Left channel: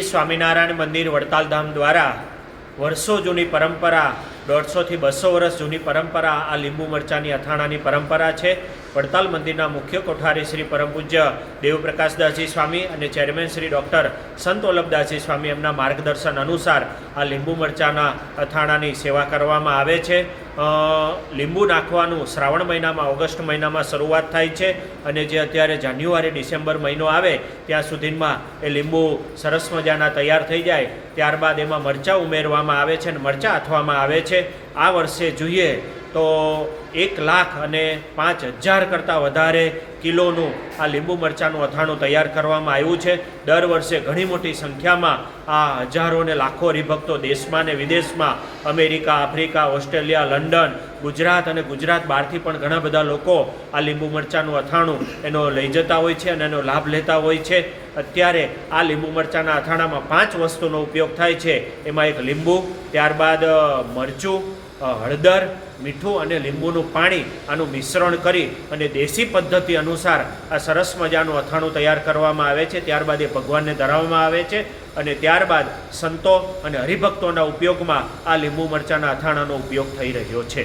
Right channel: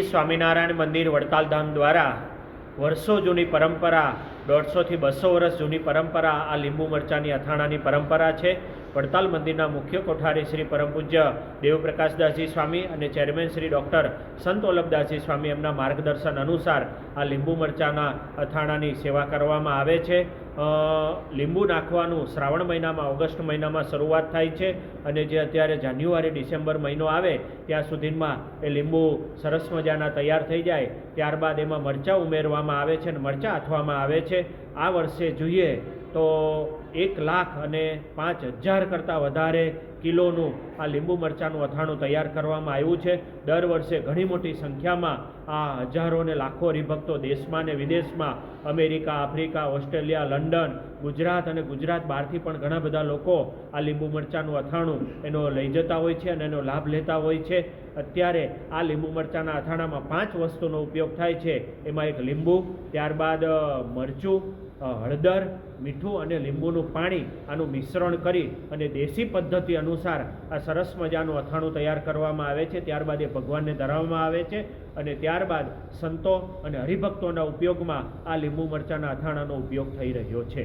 સ્વામિનારાયણ મંદિર વડતાલ ધામ દ્વારા વર્ષો જૂની પરંપરા 150 થી 200 વર્ષ જૂની પરંપરા આ લીંબુ મરચાની અથાણાની પરંપરા છે. વડતાલ મંદિરના મુખ્ય કોઠારી શ્રી પરમ પૂજ્ય દેવપ્રકાશદાસજી સ્વામી અને ચેરમેન શ્રી ડૉક્ટર સંત વલ્લભદાસજી સ્વામી એમના માર્ગદર્શન અનુસાર આ લીંબુ મરચાના અથાણાની સેવા કરવામાં આવે છે. લીંબુ નાખવાનું શ્રાવણ મહિનામાં ઓગસ્ટ મહિનામાં શરૂઆત થાય છે અને જે અત્યારે જાન્યુઆરી ડિસેમ્બર મહિનો આવે ત્યાં સુધીમાં એ લીંબુ સરસ મજાના તૈયાર થઈ જાય ત્યારબાદ એમાં મરચાં ઉમેરવામાં આવે છે અને મરચાં આથવામાં આવે છે. આ વર્ષે જોઈએ તો 1,05,000 કરતાં વધારે કિલોનું આ લીંબુ મરચાંનું અથાણું તૈયાર કરવામાં આવ્યું છે. દર વર્ષે ઘણી મોટી સંખ્યામાં આ હજારો ને લાખો હરિભક્તો દેશમાં ને વિદેશમાં America, Africa, Australia, London, Gujarat અને ગુજરાત બહારથી પણ ઘણા બધા લોકો આ લીંબુ મરચાંનું અથાણું એનો લઈ જતા હોય છે અને એનો લાભ લેતા હોય છે. અત્યારે આ લીંબુ મરચાંના અથાણામાં 5 વસ્તુનો ઉપયોગ થાય છે. એમાં એક લીંબુ, ત્યારબાદ મરચું, હળદર, મીઠું અને લીંબુનું પાણી આનું મિશ્રણ કરી અને દેશી પદ્ધતિ અનુસાર આ સરસ મજાનું અથાણું તૈયાર કરવામાં આવે છે. ત્યારબાદ એ ભગવાનને ધરાવવામાં આવે છે અને ત્યારબાદ સંતો અને હરિભક્તોના ઉપયોગમાં આ લીંબુ મરચાંના અથાણાનો ઉપયોગ થઈ રહ્યો છે.